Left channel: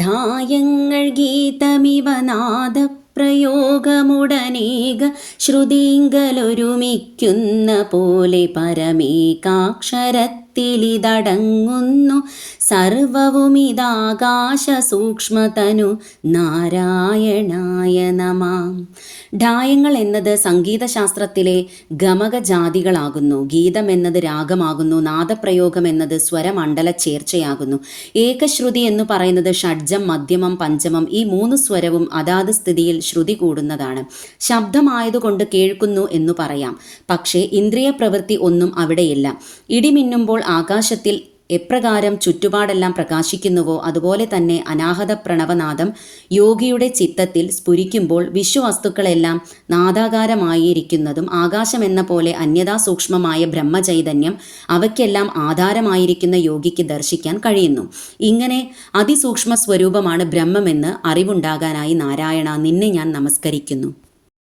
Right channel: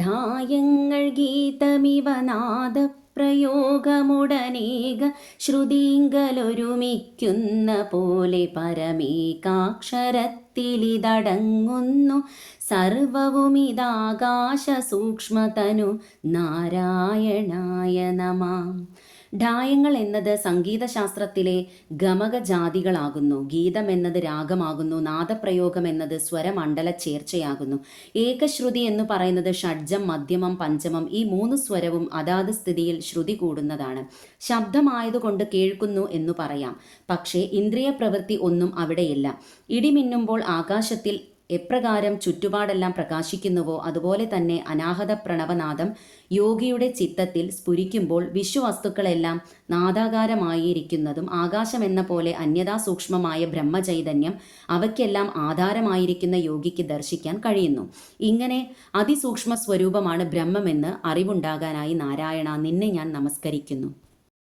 ഢായങ്ങൾ ഗീതമിവ നാദപ്രയോഗമുടനേക ശ്രുതിങ്കലൊരുമിക്കുന്ന പോലെ പരമേകാക്ഷരത്തിലിതടങ്ങുന്നു സർവവുമിതാകാശ സൂക്ഷ്മതനു നാരായണായ നമാം. ഢായങ്ങൾ എന്നത് സംഗീതശാസ്ത്രത്തിലെ ഗമകജാതികളാകുന്നു. ഗീതം എന്നത് രാഗമാകുന്നു. നാദപ്രയോഗം എന്നത് സ്വരമണ്ഡല ചേർച്ചയാകുന്നു. ഏകശ്രുതി എന്ന് പറയുന്നത് ഷഡ്ജം, മധ്യമം, പഞ്ചമം ഈ 3 സ്വരവും അതാത് സ്ഥിതിയിൽ ശ്രുതി കൂടുന്നതാണ്. ശബ്ദമായതുകൊണ്ട് കേൾക്കുന്നു എന്നു പറയാം. പക്ഷേ ഇന്ദ്രിയ പ്രവൃത്തി ഒന്നും അവിടെയില്ല. ഇടിമിന്നുമ്പോൾ ആകാശത്തിൽ എപ്രകാരം ചുറ്റുപാടെല്ലാം പ്രകാശിക്കുന്നുവോ അതുപോലെ തന്നെ അനാഹത പ്രണവനാദം യോഗിയുടെ ചിത്തത്തിൽ സ്ഫുരിക്കുമ്പോൾ വിശ്വവസ്തുക്കളെല്ലാം നാദാകാരമായിരിക്കുന്നതും ആകാശമെന്ന പോലെ അന്യഥാ സൂക്ഷ്മമായ ബ്രഹ്മചൈതന്യം അവയ്ക്കെല്ലാം ആധാരമായിരിക്കുന്ന യോഗിക്ക് ദർശിക്കാൻ കഴിയുന്നു. ഇങ്ങനെ അതിസൂക്ഷ്മ സ്വരൂപമാണ് ബ്രഹ്മമെന്ന് അറിവുണ്ടാകാനായി നാരായണ നിന്നെ ഞാൻ നമസ്കരിക്കുന്നു.